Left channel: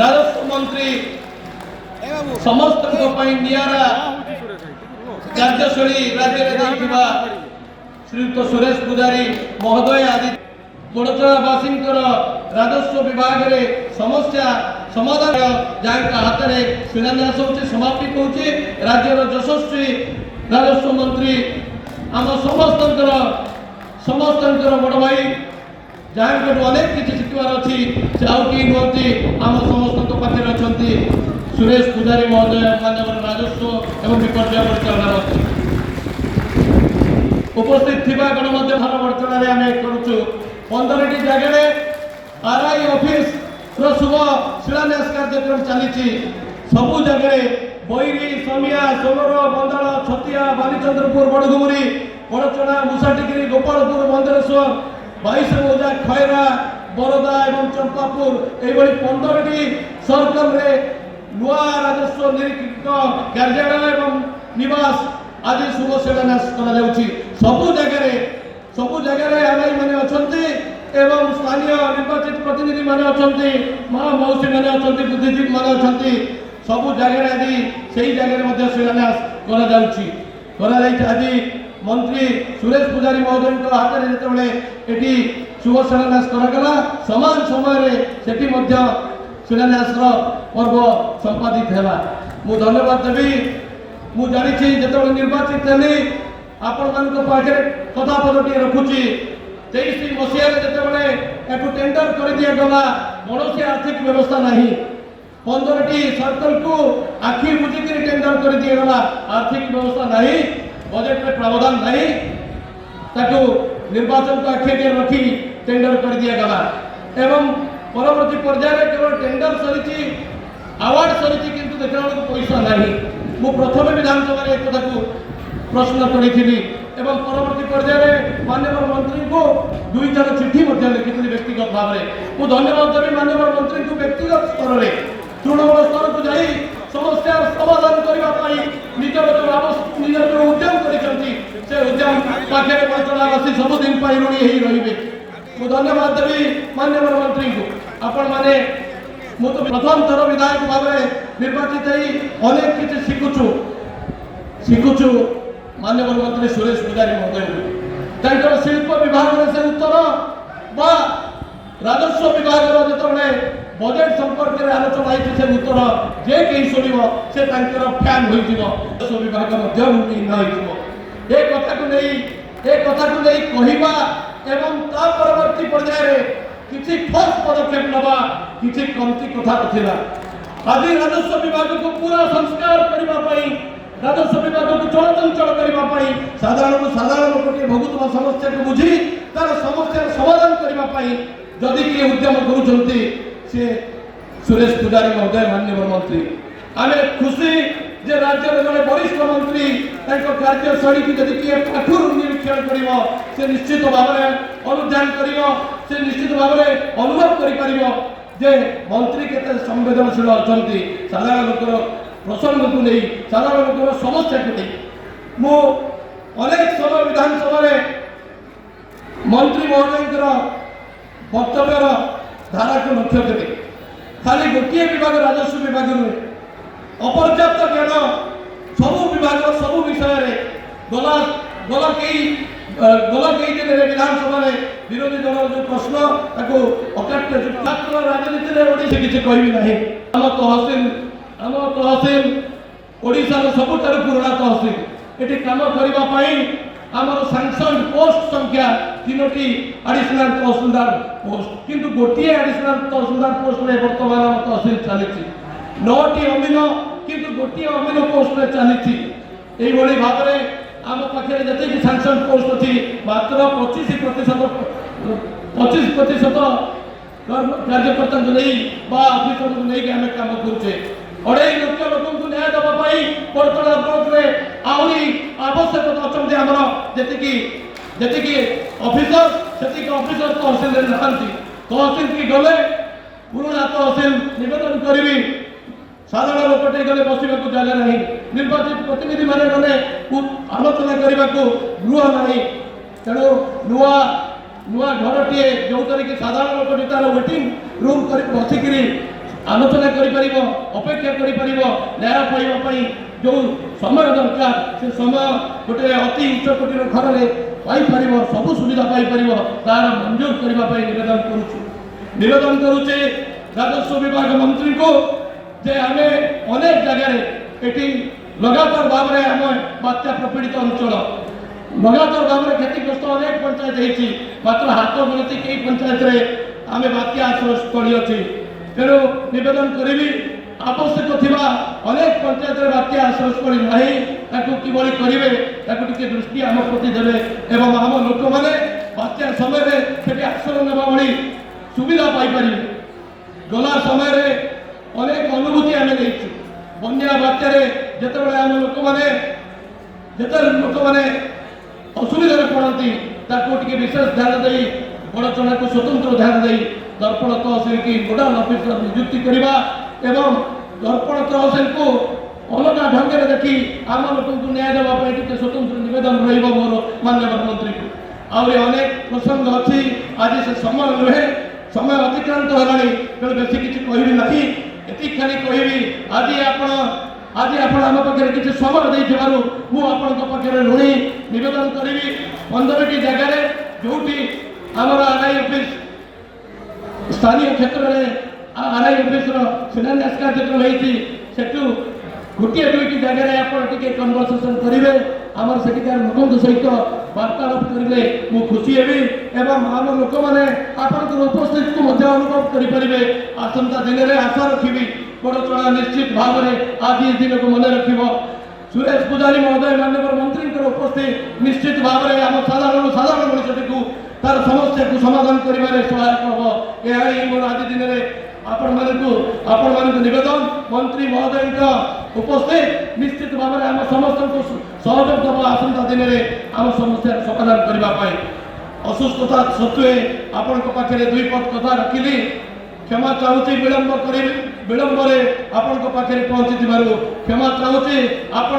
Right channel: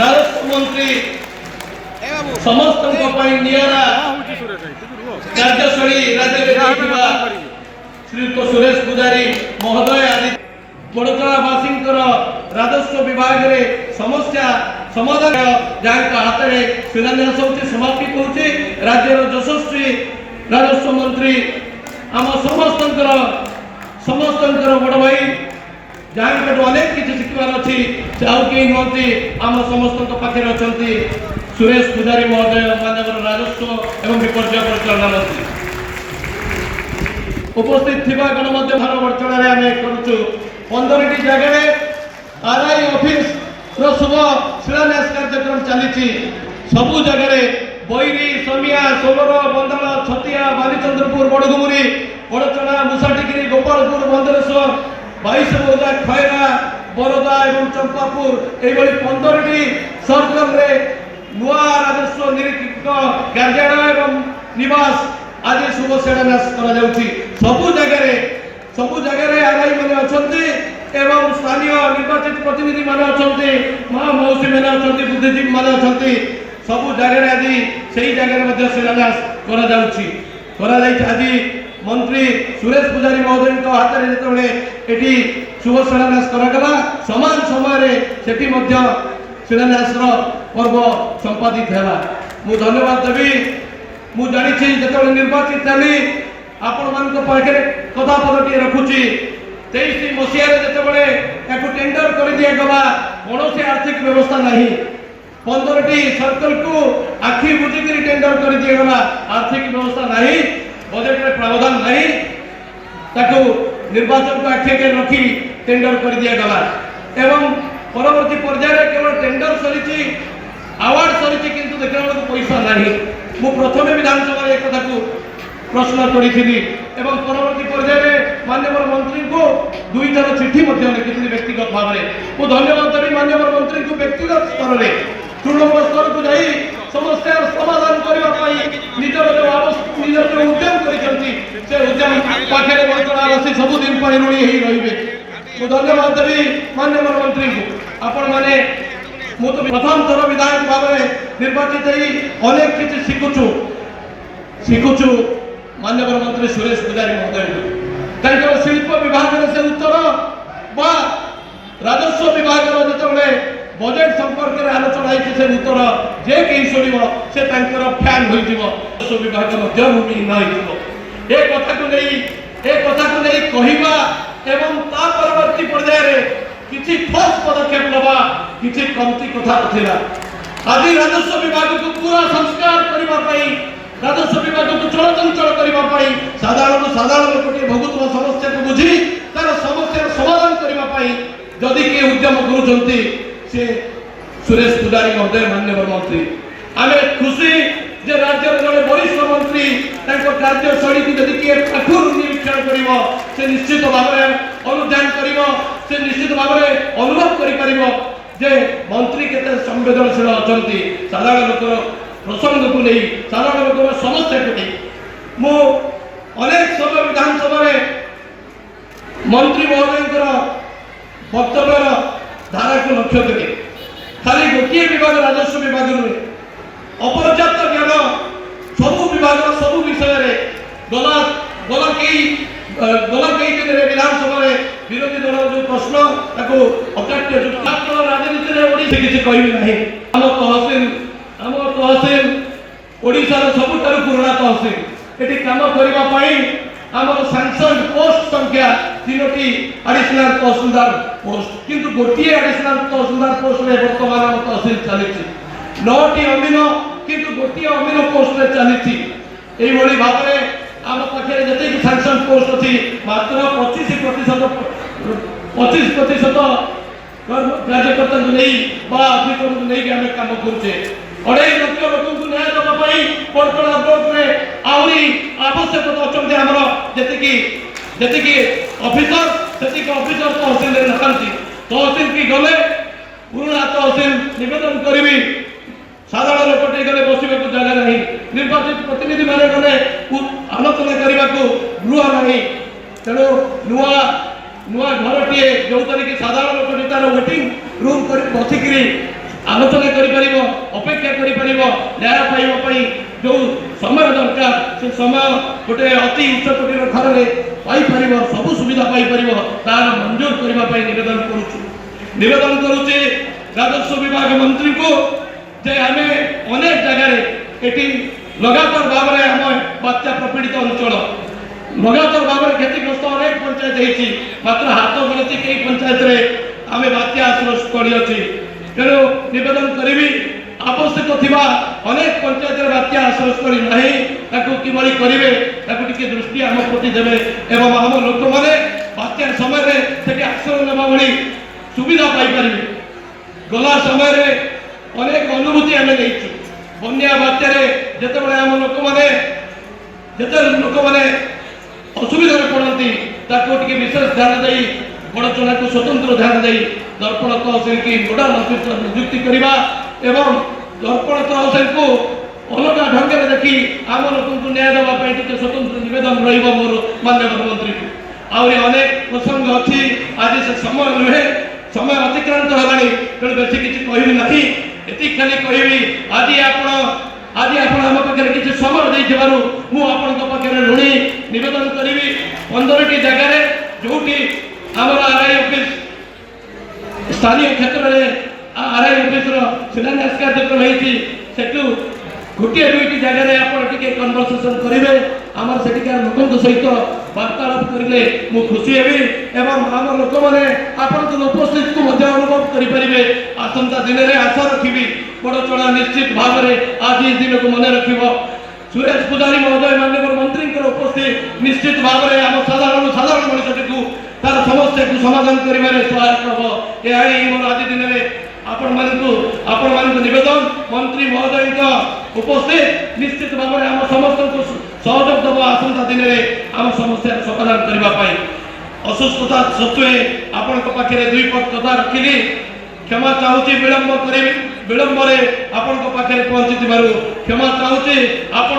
राजस्व मंत्री समस्त निरा कार्यशैली राज्य श्रीयुक्त सुरेश पुजारी महोदय आदि मोड़चलावासी राजस्व विभाग रे समस्या समाधान जहाँ हाथ में शिलान्यास होती समाप्ति होती राज्यर यशस्वी राजस्व मंत्री आम समस्त बड़ भाई जहाँ अनेक किसी शिखबार अच्छी से आउ कई नुहति आम समस्त पाखे अच्छा सुरेश पुजारी महोदय माननीय राजस्व एवं विपर्य परिचालना मंत्री उपस्थित थिबा गणमाध्यम परिचालन आम करुचु 15टी जगह आरआई ऑफिस शुभ शिलान्यास कार्यक्रम चली सबू जगह बैरी समिया सोलर बंदाल छतिया बालीचंद्रपुर बड़घुमुरी बड़चना मुसाटिगिरी गोपालपुर बंदरेश्वर 22 बोजा खैरा बरोदा एवं चंपापुर ये 15टी सर्कल रे नुआ राजस्व निरीक्षक कार्यालय एवं निवास आज शुभ शिलान्यास सबू जगह आरआई मैंने अच्छे एवं स्थानीय निर्वाचित प्रतिनिधि मान अच्छा मौसी मैंने अच्छा बुद्धिजीवी मान अच्छा सबू जगह आज से ही जगह शिलान्यास आज मंत्री सुरेश पुजारी महोदय हाथ में जो शुभ शिलान्यास करागला समान समय शिलान्यास पर्व संपादित है मु धन्यवाद देवी मु जानी जो निर्वाचित थी आपण मान पाखे कथा पदटी रखुची 23 मसीह जो टेंडर कर दिगला कौन आर्थिक व्यवस्था नहीं 15टी सर्कल को आखि बुझिक टेंडर कर दिगला आर्थिक व्यवस्था नहीं बजेट में प्रावधान नहीं ताको निर्वाचन को आखि के रखी टेंडर कर दिगला एवं परवर्ती पर्याय केवल टेंडर सरी अवार्ड सरी किंतु देखा पैसा नहीं मु प्रथम विधानसभा एक कथा को प्रश्न करी एवं परवर्ती पर्याय माननीय मंत्री को 2 थर चिठी लिखी व्यक्तिगत भाव में मु धन्यवाद देवी माननीय मंत्री को व्यक्तिगत स्तर में तृणमूल स्तर को जाई समस्या समाधान करने निजर जो उद्यम कर उद्यम पाखे बंटनावासी सबुदिन ऋणी रे मु धन्यवाद देवी माननीय मंत्री को आपण मैंने मु तो प्रथम थर विधायक भाव निर्वाचित अनेक किसी शिखुचु माननीय मंत्री सुरेश पुजारी महोदय कहीं शिल्प विभाग से उत्तर बा राजस्व विभाग जो बजेट संपर्क में आलोचना से उत्तर जे कहीं शुण से फैन हो राजस्व विभाग कथा को कहवा एवं परवर्ती पर्याय किसी ठोस पदक्षेप नवा किसी कमती कथा था आज राजस्व विभाग को पूरा संस्कार करने राजस्व विभाग को चलचंचल करने साधारण लोक भोगुवा समस्या को बुझी तार समस्या समाधान करने जदि किए उद्यम करुँचे से सुरेश पुजारी महोदय माननीय मंत्री आम खुशी जे राज्य जड़े वरिष्ठ मंत्री कार्यशैली को जदि किए पाखुर निरीक्षण कर निश्चित भाव अनुध्यान कर निश्चित भाव अनुभव कर मंत्री केते संवेदनशील अच्छा साधारण लोक प्रसंग को नहीं साधारण लोक समस्या को नहीं मु अनेक समय विधानसभा मंत्री महोदय वक्तव्यर धारा को लक्ष्य करे खाली गोटे विभाग राजस्व विभाग अपर्याप्त ज्ञान सबू विभाग सबू विषय गला गला कई दिन विधानसभा विरोधी दल जो प्रश्न अकाट्य राजनीति से किसी कहबी ना आम तहसिल ओडिशार सबुठारु पुराना तहसिल ये कम करने आमर सैंक्शन पोस्ट संख्या 3टी एडिशनल तहसीलदार पोस्ट किंतु गोटे एडिशनल तहसीलदार पोस्ट में बर्तमान आम तहसिल चली 9टी अमीन किंतु गोटे अमीन पोस्ट में चली भाव में आम पाखे जी सैंक्शन पोस्ट अच्छी मात्र 25% कार्यकर्ता ऑफिसर को नहीं आम कम करुचे 2.5 लाख लोक न्याय देवाई कोटला ब्लॉक में आहरी आवश्यकता अच्छा आमर जी ऑफिसर से ऑफिसर तहसिल नहांती तहसिल की गले पुराना तहसिल निवेदन करी साधारण लोकटे गले बसवा जगह नहीं निर्वाचित प्रतिनिधि मैंने गले आलोचना करने को गृह नहीं तेणु नुआ नुआ घर टे जो साधारण लोक तार वेटिंग रूम कर बसिक ଆଲୋଚନା କରିପାରିବ, ଅପେକ୍ଷା କରିପାରିବ, ନ୍ୟାୟ ପାଇବା ପାଇଁ ଯେଉଁ ସମୟ ଦରକାର ସେ ସମୟ ଗୋଟେ ଅତି ଉଚ୍ଚ କୋଟିର ଘରରେ ପାଇପାରିବ, ସବୁ ସୁବିଧା ପାଇପାରିବ, ତାର ମଞ୍ଜୁର କରିବା ପାଇଁ ନିବେଦନ କରୁଛି ରାଜସ୍ୱ ବିଭାଗ ମନ୍ତ୍ରୀଙ୍କୁ ଯେ ଆମେ ଅନେକ ଜାଗାରେ ଏଠି ଲଗାତାର ଭାବରେ ଆମ ବାତ୍ୟା ପ୍ରପୀଡ଼ିତ ଅଞ୍ଚଳ ଲଗାତାର ଭାବରେ କ୍ଷତିଗ୍ରସ୍ତ ଅନେକ ପଞ୍ଚାୟତ ହେଇଛି, ମାତ୍ର ହାତ ଗଣତି କେଇ ପଞ୍ଚାୟତରେ ଆମେ ବାତ୍ୟା ଆଶ୍ରୟସ୍ଥଳୀ ଅଛି। ତେଣୁ ନିବେଦନ କରିବି ଆବଶ୍ୟକ ଥିବା ଅନେକ ପଞ୍ଚାୟତରେ ବାତ୍ୟା ଆଶ୍ରୟସ୍ଥଳୀ ନାହିଁ, ତାକୁ କିଭଳି କରିବେ ତାକୁ ଟିକେ ଦୃଷ୍ଟି ଆମ ପ୍ରତି ଦେବେ ଏବଂ ଆମ ଲୋକମାନେ ବାତ୍ୟା ସମୟରେ ସେଠି ଆଶ୍ରୟ ନେବା ଭଳି ସୁବିଧା ପାଇପାରିବେ। ଗଲା ସମୟରେ ଅନେକ ଅନୁଭୂତି ଆମେ ନେଇଛୁ। ବନ୍ୟା ବାତ୍ୟାରେ ଯେତେବେଳେ ଆମ ଲୋକମାନେ ଅସୁବିଧାରେ ପଡ଼ନ୍ତି ତାକୁ ଟିକେ ବିଶେଷ ଧ୍ୟାନ ଦେଇ ବଡ଼ଚଣାକୁ ସ୍ୱତନ୍ତ୍ର ଧ୍ୟାନ ଦେଇ ଦର୍ପଣ ତହସିଲ କି ନୋଡାଲ ଅଫିସର ନିଯୁକ୍ତି କରିବା ଏବଂ ଦର୍ପଣ ତହସିଲକୁ ଅଲଗା ଢଙ୍ଗରେ ଦେଖି ଆମ ଲୋକଙ୍କୁ ନ୍ୟାୟ ଦେବା ପାଇଁ ଟିକେ ସ୍ୱତନ୍ତ୍ର ନିବେଦନ ରହିବ ମୋର ମାନ୍ୟବର ମନ୍ତ୍ରୀଙ୍କୁ। ଆହୁରି ଅନେକ ପ୍ରସଙ୍ଗ ଅଛି, ଆଜି ସେ ସମୟ ନୁହେଁ, ସମୟ ଅତିକ୍ରାନ୍ତ ହେଲାଣି, ତେଣୁ ବେଶୀ କିଛି କହିବି ନାହିଁ। ଏତିକି ଖାଲି କହିବି ଆଜି ଆପଣ ଆମ ପାଖରେ କିଛି ସମୟ ଦେଇଥିବାରୁ ମୁଁ ଆପଣଙ୍କ ପାଖରେ ଋଣୀ। ନିବେଦନ କରିବି 15ଟି ଜାଗାରେ ଯୋଉଠି ଆମର ଆର୍ଆଇ ଅଫିସ ସ୍ଥାନୀୟ କ୍ଷେତ୍ରରେ ଆର୍ଆଇ ଅଫିସର ଶିଳାନ୍ୟାସ କାର୍ଯ୍ୟକ୍ରମ ହେଇଛି, ସେଠୁ ଗୋଟିଏ ଦୁଇଟି ଜାଗାରେ ଆପଣ ଟିକେ କନଭରସେସନ କରିବେ, ଆମର ସେଠିକାର ଲୋକଙ୍କ ସହିତ ବାର୍ତ୍ତାଳାପ କରିଲେ ମୁଁ ଖୁସି ହେବି ଏବଂ ଆମ ଲୋକମାନେ ଆପଣଙ୍କର ଉପସ୍ଥିତିକୁ ମଧ୍ୟ ଅନୁଭବ କରିପାରିବେ। ଆସନ୍ତା ଦିନରେ ଆଶା ରଖିବି ବଡ଼ଚଣା ନିଶ୍ଚିତ ଭାବରେ ଆଜି ଦିନକୁ ମନେ ରଖିବ। ସୁରେଶ ପୂଜାରୀ ମହୋଦୟ ମାନ୍ୟବର ମନ୍ତ୍ରୀଙ୍କର ଉପସ୍ଥିତି ନିଶ୍ଚିତ ଭାବରେ ଆମ ସାଧାରଣ ମଣିଷଟିକୁ ତାର ସମସ୍ୟାକୁ ସମାଧାନ କରିବାରେ ସହାୟକ ହେବ। ଏହା ହିଁ ମୋର ଆଜି ଦିନରେ ଆପଣମାନଙ୍କୁ ନିବେଦନ। ମନ୍ତ୍ରୀ ମହୋଦୟଙ୍କ ଉପସ୍ଥିତ ନିଶ୍ଚିତ ଭାବରେ ଆମ ସମସ୍ତଙ୍କୁ ସହଯୋଗ ଦେବ ଆସନ୍ତା ଦିନରେ ଆମ ସମସ୍ୟାର ସମାଧାନ କରିବା ପାଇଁ। ଅସୁସ୍ଥତା ସତ୍ତ୍ୱେ ଆପଣଙ୍କ ପାଖରେ ଦୁଇ ପଦ କଥା ରଖିଲି, କ୍ଷମା ଚାହୁଁଛି ବିଳମ୍ବରେ ଆପଣଙ୍କ ପାଖରେ ପହଞ୍ଚିଥିବାରୁ କ୍ଷମା ଚାହୁଁଛି। ଆପଣ